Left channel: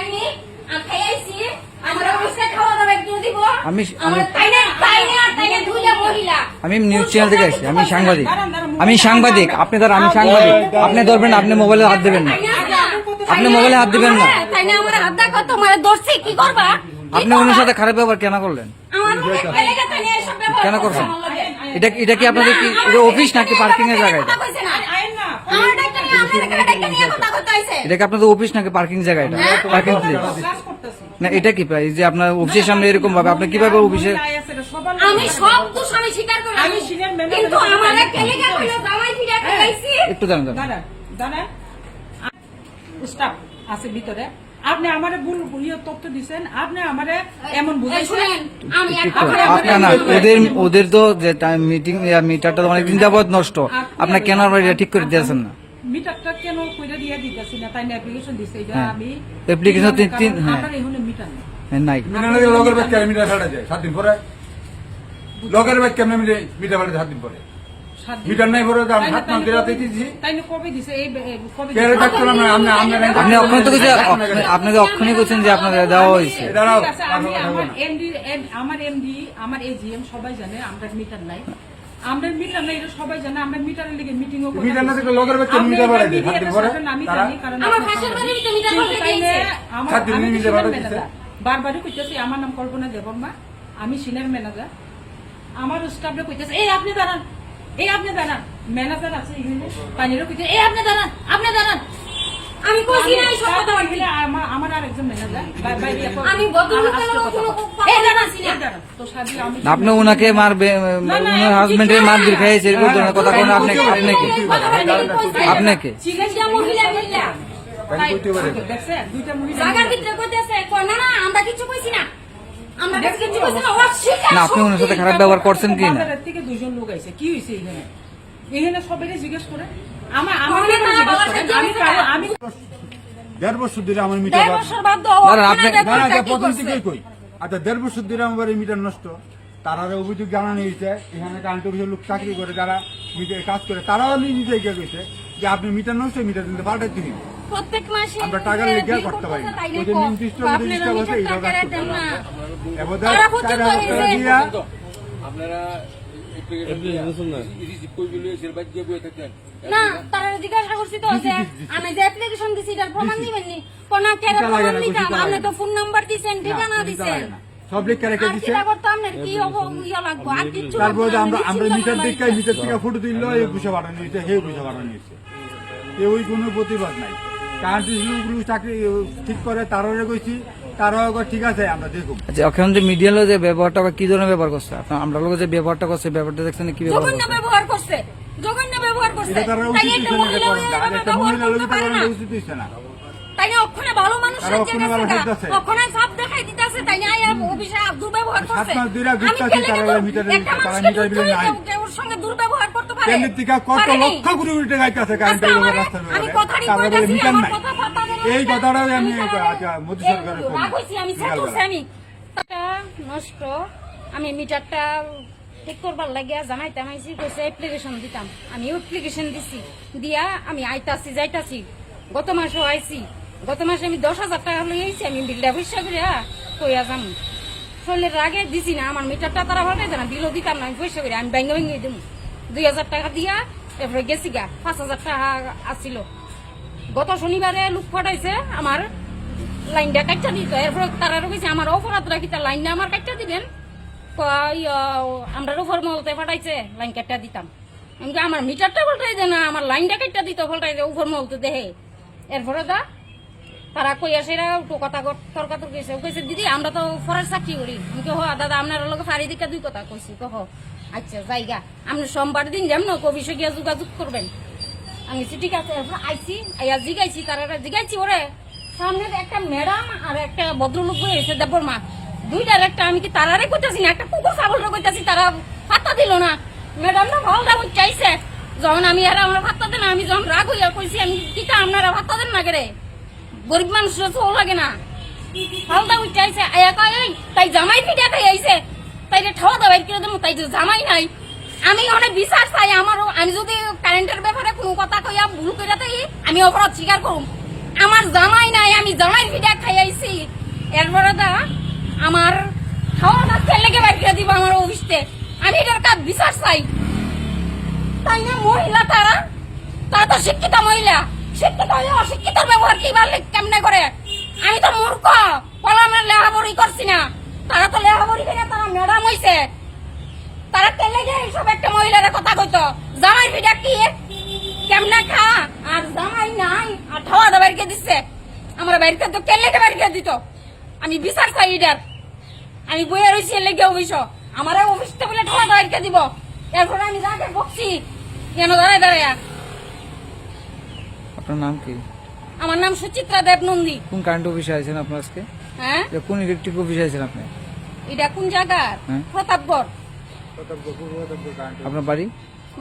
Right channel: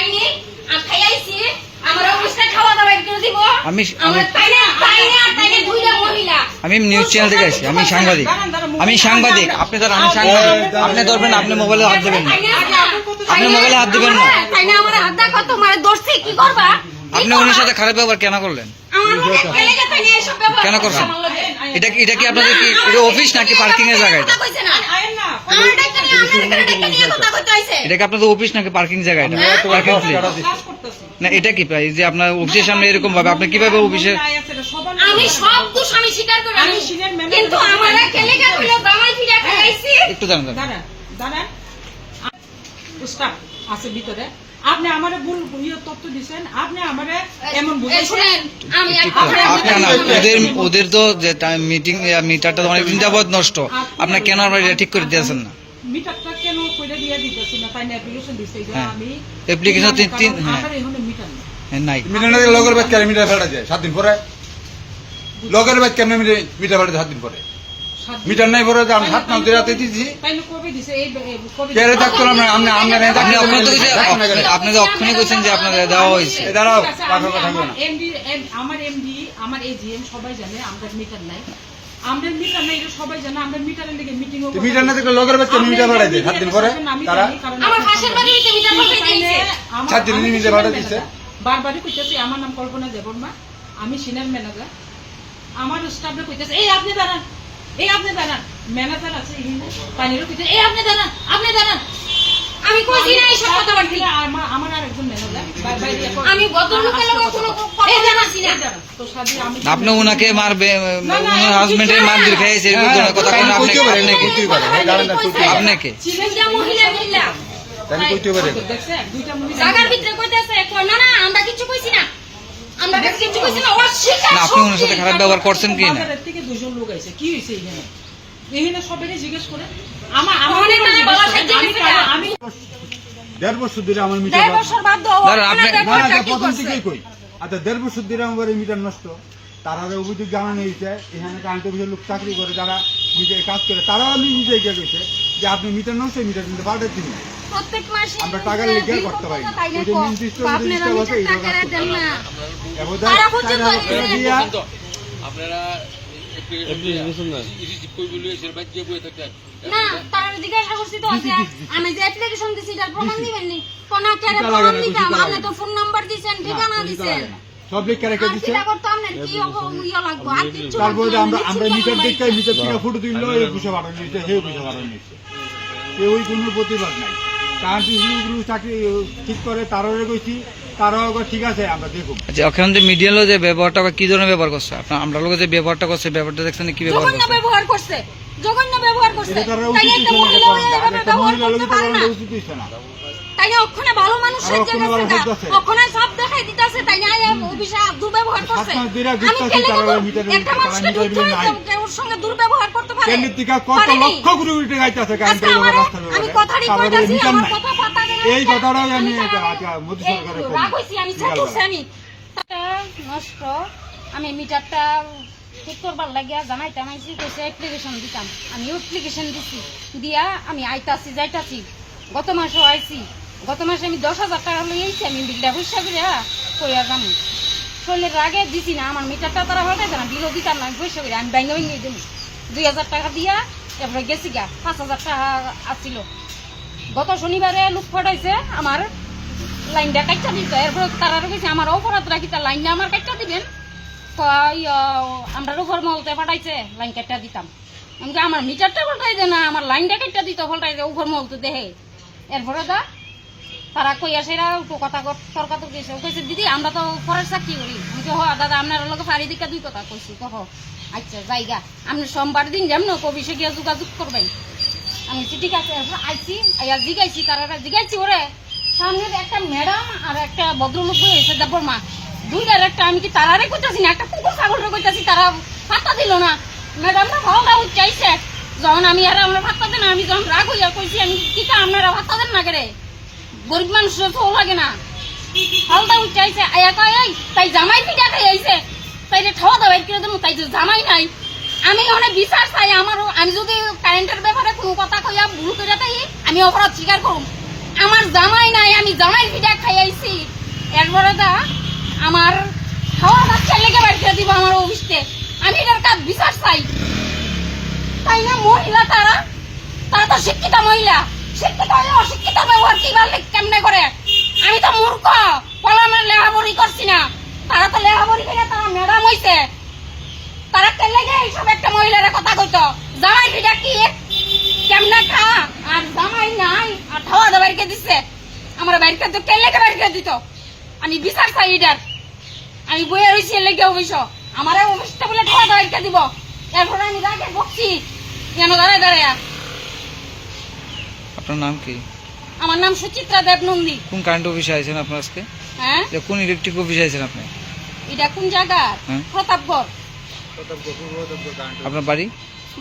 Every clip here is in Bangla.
খাইনি আমি খাইছি আমার অবস্থা খাওয়া দাওয়া একটু দিব আমি তাইলে দুইটা মহিলা আমি নিউজ চ্যানেল থেকে আসছি। আমি সাংবাদিক। আপনি ধর আমি সাংবাদিক। আপনি ধরবেন, আপনি মোবাইলে হাত দেবেন না। আপনি মোবাইলে হাত দিবেন না। তাই না আমার হাত দেখো তোমার দর্শি কি করবা? আপনি ওনার সাথে খারাপ ব্যবহার কেন করলেন? আমার এলাকা তাই না এসব ব্যবহার কেন করছেন? এটা কি আপনাদের কি এটা অফিস নাকি পার্কিং এর জায়গা? এটা এটা কি আপনাদের অফিস নাকি পার্কিং জায়গা? এটা পার্কিং প্লেস না। এটা কি এই যে আপনার অফিসের সামনে এরকম ভাবে আপনি কিভাবে অফিসে? আমি সব দোষ আমি স্বীকার করি, কিন্তু আমার এলাকা হলো জামাই ফিরা খাইছি। একটু জানেন স্টাফ আছে ভিতরে, আপনি আমারে ভুল তথ্য দিচ্ছেন, আপনি আমারে এমন বুঝাইছেন। আমি ওদের তো যে মিটিং মিটারটা অনেকদিন যাবত নষ্ট, আপনার কেন এটা ঠিক করে দিয়েছেন না? মিটারটা কেন কইরা দিয়ে দিতেছি না, তাই না অ্যাপ্লিকেশন দিছে যে আমি অ্যাপ্লিকেশন তিন আমার এখানে মিটার নেই। নাই মিটার লগের বাদ কেন মিটার ভাড়া দেয় 7 দিন পরে? লগের বাদ কেন মিটার ভাড়া দেয় 7 দিন পরে? মিটার নাই পরে আমি 7 মাস ধরে রাতে দিছি। তাই না কবে দিছে? এই কবে কেরে ডাক্তার আমরা আপনি অক্ষণে তো আপনি তো অক্ষণে বলছেন যে আপনাদের দেওয়া হয়েছে। দাঁড়াও আমার এমডি আমার এজিএম সবাই জানে আমরা মিটার নাই, আমরা মিটার নাই, এটা সবাই জানে। আমরা মিটারের লেগে মিটিং ও মিটার না থাকলে লগের বাদ কেন মিটার ভাড়া দেয় 7 দিন পরে? আমি তারা জানি, কারণ আমার হাসের বাড়িতে মিটার বসে দিয়েছে। 7 দিন মিটার ভাড়া দিছে। বারবারই কইতেছি আমার নাম কল্পনা দেববর্মা, আমি সিনিয়র ম্যানেজার। আমার স্টাফে কইতেছে এই আপনি দাঁড়ান, এই আপনি দাঁড়ান। ম্যানেজার আছে এখানে পানিরও কইতে এই আপনি দাঁড়ান, আপনি দাঁড়ান। আমি কইছি না এই সব কথা বাড়ি। আমার আরেকজন ম্যানেজার বাইরে আমি ভদ্রলোকের লগে কোনো এই কথা দাঁড়ান, বলছি না। তো সাদি আমি আপনি উনাকে মারবে, উনি হাজবেন্ডের মার দিয়ে খাইছে এই ধরনের কথা কোন? আপনি আপনাকে দুইটা মহিলা মহিলা তাহলে কইতে পারে দেখছে দুইটা মহিলা জায়গার ভিতরে কইতেছে না না আমরা কিছু কইছি না, আমরা কিছু কইছি না। ওরা শিকার না, আপনি উনার সাথে খারাপ ব্যবহার করছেন কি না? বাজারের থেকে দুজন লোক আইছে, কি হইছে এখানে? এখানে সবাই জিজ্ঞেস করে আমার অনেক বাবা সাহায্য আমি করছে না। আমি 1.5 বছর ধরে আমার মিটার 1.5 বছর বাদ দাও। দাঁড়ান, আপনি- না না প্রথম থেকেই কই। আচ্ছা 1.5 বছর ধরে আমার এই মিটার নষ্ট। তারা অভিযোগ জানানো হয়েছে এখানে কারেন্ট অফিসের লোক চাকরি করে, যারা মিটার কাজ করে, তারাও নিজে গিয়ে কইছে যে আপনি মিটার নষ্ট, মিটার দিতে পাঠাতে দিন। প্রত্যেক মাসে আমরা টাকার লেগে করতে পারি না। ওই যে নির্দিষ্ট জিনিসটা বসে এই টাকা করতে পারি না। এবার তারা পর্যন্ত টাকা দিয়া আপনারা না তারা জিজ্ঞাসা করছি তো আছে আমি যে অ্যাপ্লিকেশন দিছি তার প্রমাণ দিবেন নি? কোনা কেন প্রমাণ দিতাম? আপনি তো ফোন নাম্বার দিবেন, ঠিকানা দিবেন। সব লেখা রেখে আর দিচ্ছে। কিটা করতে আপনার কি ইয়া লাগবে? আর কিছু তারপরে লাগবে না। আমরা মিটার দেখে মিটার থেকে ফুটো তুললো, এই পয়সা বাড়ানো হয়েছে, সেই পয়সা বাড়ানো হয়েছে। কেউই কোনো প্রতিবাদ নাই। কারেন্ট অফিসের চাকরি ঠিক করে তারাও কইছি, তারাও ঠিক আছে আমরা দেখুন। আচ্ছা, ওখানে যে মিডিয়া যে ব্যবহারটা কি ধরনের ব্যবহার করছে? আপনার আমরা লোক যে ব্যবহারটা করছে, ব্যবহারটা দেখছেন কি ব্যবহার জঘন্য করছে? ব্যবহার করছে, জঘন্য ব্যবহার করছে। এটা তারা তাই উচিত একটা হইছে না, মহিলা আর একটা মহিলা লোক ব্যবহার করতে পারে না। উচিত হইছে না। তাই না ওখানে ভালো মানুষ আর ওখানে ভালো হইতাছে। ওখানে সব দেখাই দিতেছে। তাই না অফিসে দুর্ব্যবহার করছে। 7 মাস ধরে আমি ঘুরতাছি, কেন তারা বলবো? মিটারে একটা তারা মানুষকে মিটার বিলে নাই। ওর সঙ্গে দুর্ব্যবহার করতে পারে? কেন্দ্রের থেকে কত পারেনি। লক্ষ কোটি কোটি টাকা আইতাছে কারেন্ট আজকে আমার- রাস্তার আমি ব্যাপারে, কথারই তারা বলে কইতাছি, মিটার আমার নাই। কথা পাতা দেন। এই কথাটাও আমি মিটার- মোদী এই সরকারের রাগ হইছি, আমি চাচ্ছি আমি তাকে নষ্ট আমি মিটারটা ঠিক করবার লাগে জানাইতাম আইসি কইছে অ্যাপ্লিকেশন দিতাম। আমি অ্যাপ্লিকেশন দিছি, দিয়া আমি আইতাছি যাইতাছি। গত মাসও আইছি, গত মাসে আমি 10,000 টাকা হলে আইছি। আমি বিলটা পয়সা করে কইয়া যাম শরীরের রাগে দিছি না, আমার মিটারটা তারা ভাটাইছে না, বিলও দিতাম না, আমি পয়সা করে আমি ব্যাঙ্গে ভেঙে দিই 2,000 টাকা দিয়া তারপরে গেছি গা। 5,000 টাকা আসছিল। গত শনিবারে লোক পাঠাইছে আমার লাইনটা কাটটা দিতে, এরপর তারা গেছে আমার অপরাধ রাখি তার লাইনটা আমার কাটটা দিবেন। আমরা উপর মহলতে পাঠাইছে লাইন কাটটা দিতাম। আমি আমার মিটারটা পাল্টাই দে না, আমার লাইনটা কাটটা দিত পাল্টাই দে উপর মহলতে দেহে। এরপরে তো তারা কইয়া সেরা কথা তর্কাত গেছে। কইছে দিদি আমরা তো ফরের চাকরি করি। আমি তো হ দাদা আপনার লোক ফাড়ি দিকা 2 কথা কইছি। কহ আচ্ছা জায়গা আপনি সোমবার দিন যাম না অফিসে গিয়া যোগাযোগ করবেন। আমি ঠিক আছে আইসি জিগাইছি, তারা জিগাইছি ওরে সামনে একটা ম্যাডাম আর একটা ভদ্রলোক হয়েছে দেববর্মা, দুইটার একটা আমি কি তারারে করতেছি না, একটা কুকুর ছাগল করতেছি, তারা পাত্তা দিল না। ম্যাডাম ভালো চাইছে যখন আমি আর আমরা ভাত্তা দেন, আমি যখন রাগ হইয়া কইছি আমি কিতা আপনারা ভাত্তা দেন না কেরে, গরিব মানুষের তো লাগে না। হলদা চাইছে তাই জামাই পিঠা খাই আইছে, তাই ঠাওয়া দাওয়া করে দেবো, তাই জামাই নাই। আমি অনেক বিশ্বাস চাই আমারও, আমি যদি কারেন্টের ব্যাপারে কোনো কথা কইয়া ভুল করে তাই আমি অপরাধ স্বীকার করুম। আমার জামাই নাই, আমি আমি জামাই পিঠা খাই আইছি এরপরে দা আমার আমার ছেলেকে বাইর করে দিব আমার অফিসে। আমি এটার কাজ বিচার চাই, তাই না? মহিলা তারা তো শিক্ষিত মহিলা, শিক্ষিত হলে অশিক্ষিত ব্যবহার কিভাবে কেমনে করে? আমি তো মূর্খ, বলো আমরা লেখাপড়ি করছি না। তারা তো লেখাপড়ি করে তারা ম্যাডাম হইছে, তারা কেলে গে এইসব একটা মহিলার কথা কইতো জামাই পিঠা কি কেমনে খা, আর জামাই নাই আর খাওয়া দাওয়া বাইরকে দিচ্ছে। আমার বাইরকে তো কেলে বাইরকে দিত। আমি বিচার চাই এটার। আমি বইয়ে রয়েছি লেগে অবশ্য আমার অফিসটা বলে খাওয়া দাওয়া দিব। এরপরে আমি রাগে বকছি কেন দাঁড়ায় দাঁড়ায়। আপনার নাম কি? আমার নাম সুচিত্রা দেব নন্দী। কোন কারেন্ট অফিসে আছেন আপনার আজকে? হ্যাঁ, যে কোন ইলেকট্রিক অফিসে আছেন আপনি? এটা কোন জায়গা? হ্যাঁ। প্রতাপগড়। আপনার বাড়ি?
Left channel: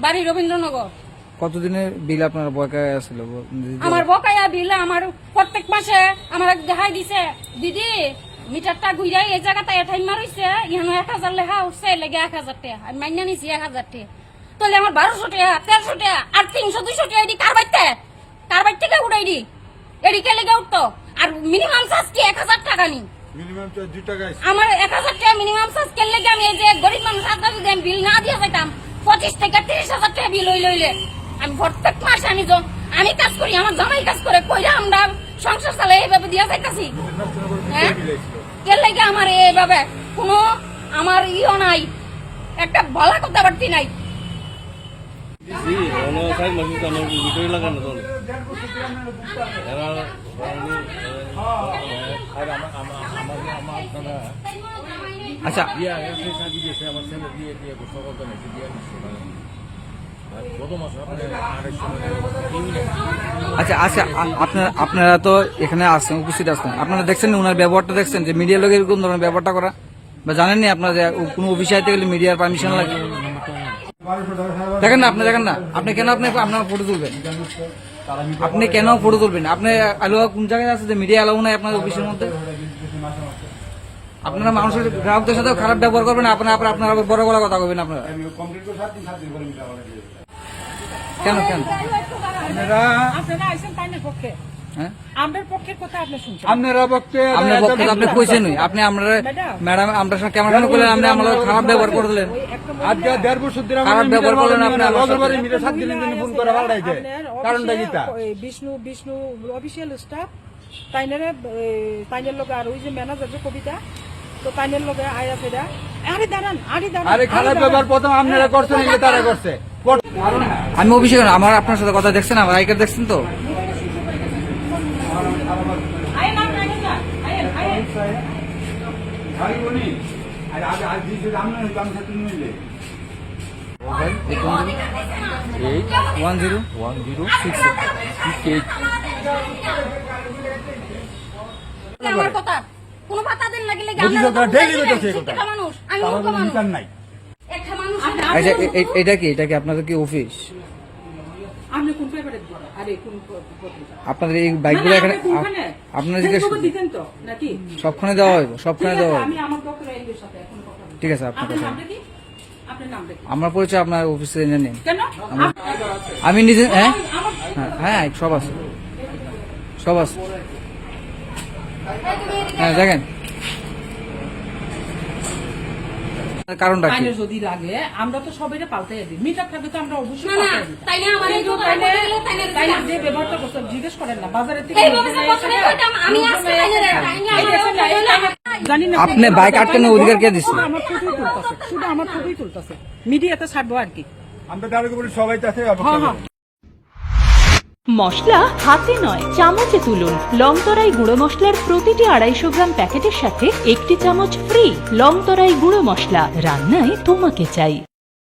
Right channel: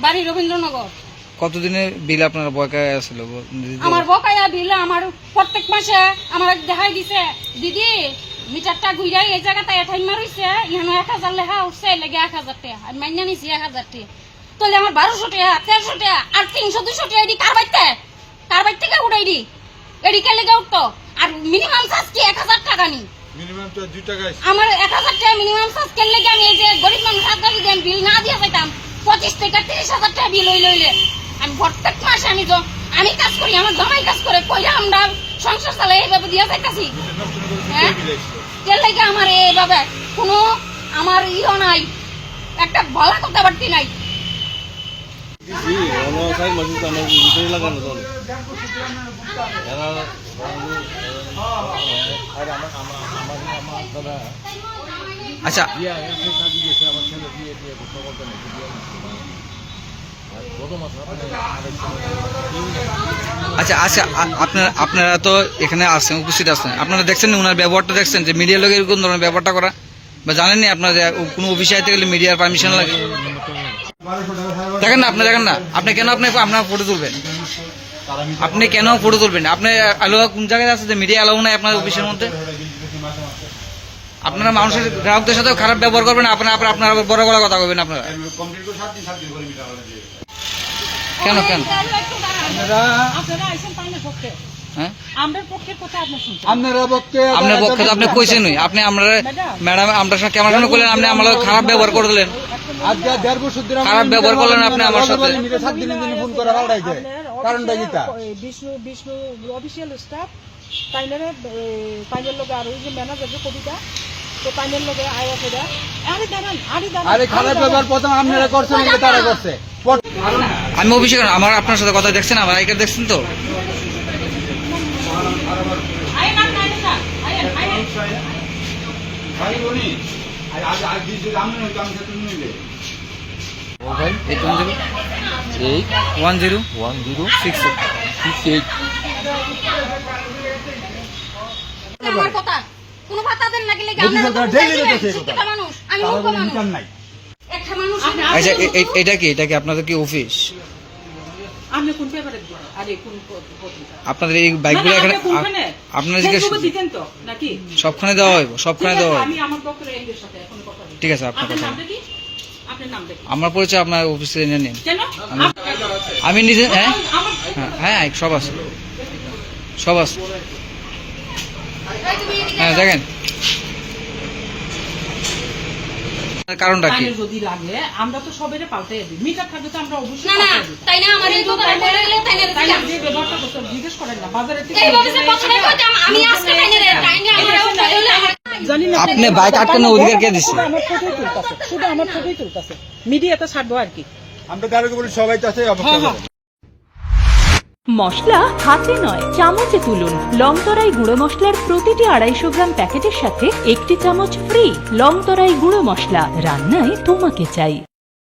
বাড়ি রবীন্দ্রনগর। কতদিনের বিল আপনার বকেয়া আছিল? আমার বকায়া বিল আমার প্রত্যেক মাসে আমার দেখাই দিছে, দিদি মিটারটা ঘুরাই এই জায়গাটা এঠাই মারিছে, ইহানো 1000 লেখা উঠছে, লেগে 1000 টাকা আমি মাইনা নিছি 1000 টাকা। তাহলে আমার 1200 টাকা 1300 টাকা আর 300-200 টাকা এটি কার বাইর থেকে উঠাই দি এটি কে লেগে উঠতো? আর মিনিমাম চার্জ কি 1000 টাকা নি? মিনিমাম তো 2 টাকা আমার 1000 টাকা মিনিমাম চার্জ কে লেগে? আমি এই যে গরিব মানুষ আজকাল যদি বিল না দিয়ে যাইতাম 25 থেকে 30,000 টাকা বিল লইলে আমি প্রত্যেক মাসে আমি কাজ করি, আমার জামাই কাজ করে, কইরা আমরা সংসার চালাই এইভাবে দিয়া যাইতাছি। হ্যাঁ, এর লাগে আমার এইভাবে কোনো আমার ইও নাই, একটা ভালো কথাবার্তি নাই। আচ্ছা আচ্ছা আচ্ছা আপনারা তো এখানে আসছেন, উপস্থিত আসছেন, আপনারা দেখছেন ওনার ব্যবহারটা দেখছেন যে মিডিয়ার লোকের কোন ধরনের ব্যবহারটা করা, বা জানেননি আপনারা যে কোনো অফিসে আইতে গেলে মিডিয়ার পারমিশন লাগে? দেখেন না, আপনি দেখেন না, আপনি কেন আপনার ফটো তুলবেন? আপনি কেন ফটো তুলবেন? আপনি আলো কোন জায়গায় আছে যে মিডিয়া আলো নাই আপনার অফিসের মধ্যে? আপনারা মানুষের গ্রাহকদের সাথে খারাপ ব্যবহার করবেন, আপনারা বড় গলা কথা কইবেন আপনারা কেন? আপনারা আইছেন পাইনের পক্ষে, হ্যাঁ, আমাদের পক্ষের কথা আপনি শুনছেন। আপনার পক্ষে তো আপনি কইছেনই, আপনি আমরা ম্যাডাম আমরা সাথে কেমন করলেন, আপনি আমাদের খারাপ ব্যবহার করে দিলেন, আজকে 1.5 বছর ধরে খারাপ ব্যবহার করলেন আপনি আমার সাথে। মিটার 7 দিনের জন্য ফোন করে ভাড়াইছে, কারণটা কি তা? বিষ্ণু অফিসিয়াল স্টাফ পাইনের লোক আর ওই যে ম্যানেজার যে কবিতা, তো পাইনের লোকে আয়া সেটা আরে খারাপ ব্যবহার প্রথম আপনারা করছেন, নাকি তারা করছে? আমি অফিসে কেন? আমার আপনার সাথে কথা দেখছেন, আমার আইকার দেখছেন তো? আমার কথা কোনো পাতা দেন না, গেলে মানুষ আমি মূর্খ মানুষ। নাই। একটা মানুষ আচ্ছা এটা কি আপনাদের কি অফিস? আপনি কোন পেপারে দিবেন? আরে কোন পত্রিকা? আপনাদের এই বাইকগুলো এখানে আপনারা জিজ্ঞেস দিতেন তো নাকি? সবখানে দেওয়া হইব, সবখানে দেওয়া হইব। আমি আমার পক্ষের এমডির সাথে এখন কথা বলছি। ঠিক আছে, আপনার আপনার কথা। নামটা কি? আপনার নামটা কি? আমার পরিচয় আপনার অফিসে এনে নিন। কেন? আমি নিজে হ্যাঁ আমার হ্যাঁ সব আছে, সব আছে। হ্যাঁ দেখেন কারণটা কি? পাইনের যদি লাগে আমরা তো সবেরে পাল্টাই দিই। মিটার থাকলে তো আমরা অবশ্যই না না, পাল্টাই দিই। তাই না? আমার এই কথা বলে গেলে তাই না? তাই যে ব্যবহারটা করতে জিজ্ঞেস করেন না বাজারে থেকে এইভাবে যে বছরে কইতাম আমি আজকে তাই না আমার জানি না আপনি বাইক আটকানোর অধিকার কে দিছে? শুধু আমার ফটোই তুলতাছে, শুধু আমার ফটোই তুলতাছে, মিডিয়াতে ছাড়বো আর কি। আমরা তার বলি সবাই তো আছে। হ্যাঁ মশলা হাতে নয় চামচে তুলুন। লংতরাই গুঁড়ো মশলার প্রতিটি 250 গ্রাম প্যাকেটের সাথে 1টি চামচ ফ্রি। লংতরাই গুঁড়ো মশলা, রান্নায় তোমাকে চাই।